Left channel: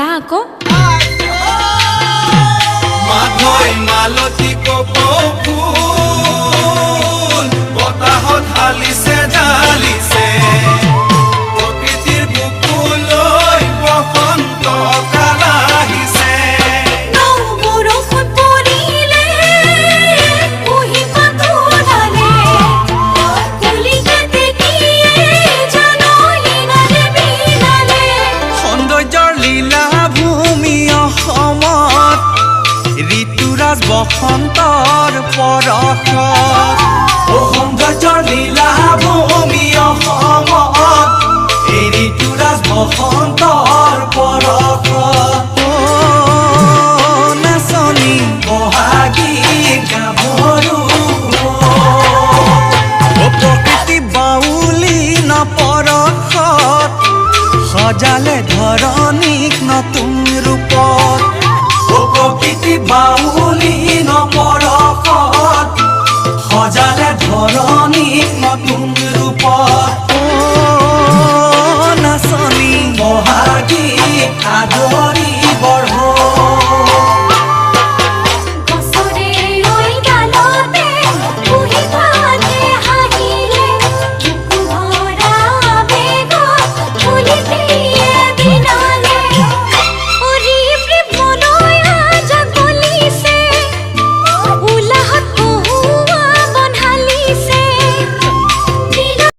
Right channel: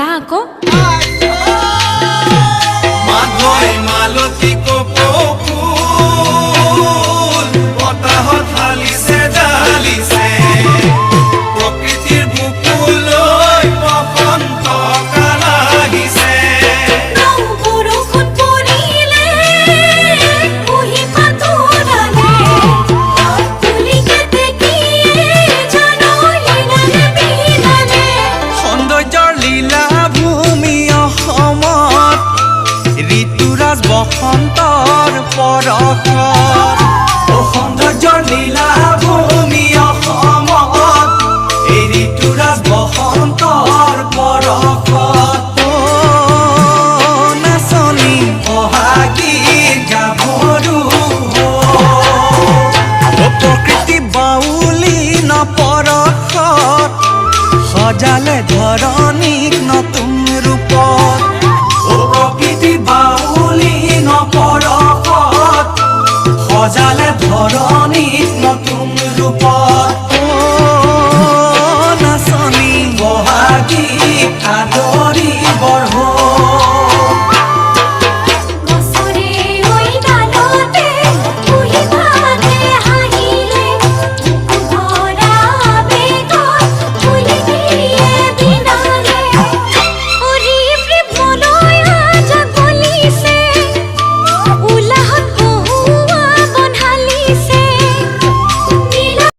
গা আকৌ মাধৈ মালতী কপৌফুল বতাহত হালিছে ডালিছে প্ৰকৃতিৰ বুকুলৈ বসন্ত কাল আহিছে বৰষুণ পৰিলে কুঁহি পাতো ডালে তুলিকে দেখিয়ে জনলিনালে বিলালে সৌন্দৰ্যৰ লীলা ভূমি অসমত ঋতুৰাজ বসন্তৰ পৰশত সৌন্দৰ্যৰ লীলা ভূমি অসমত এই ঋতুৰাজ বসন্তৰ পৰশত নাচনী বহাগী গাভৰু প্ৰকৃতি বাউলী নপৰশত সজালে ধৰণীক নতুন ৰূপত প্ৰকৃতি বাউলী নপৰশত সজালে ধৰণীক নতুন ৰূপত নাচনী বহাগী আদৰি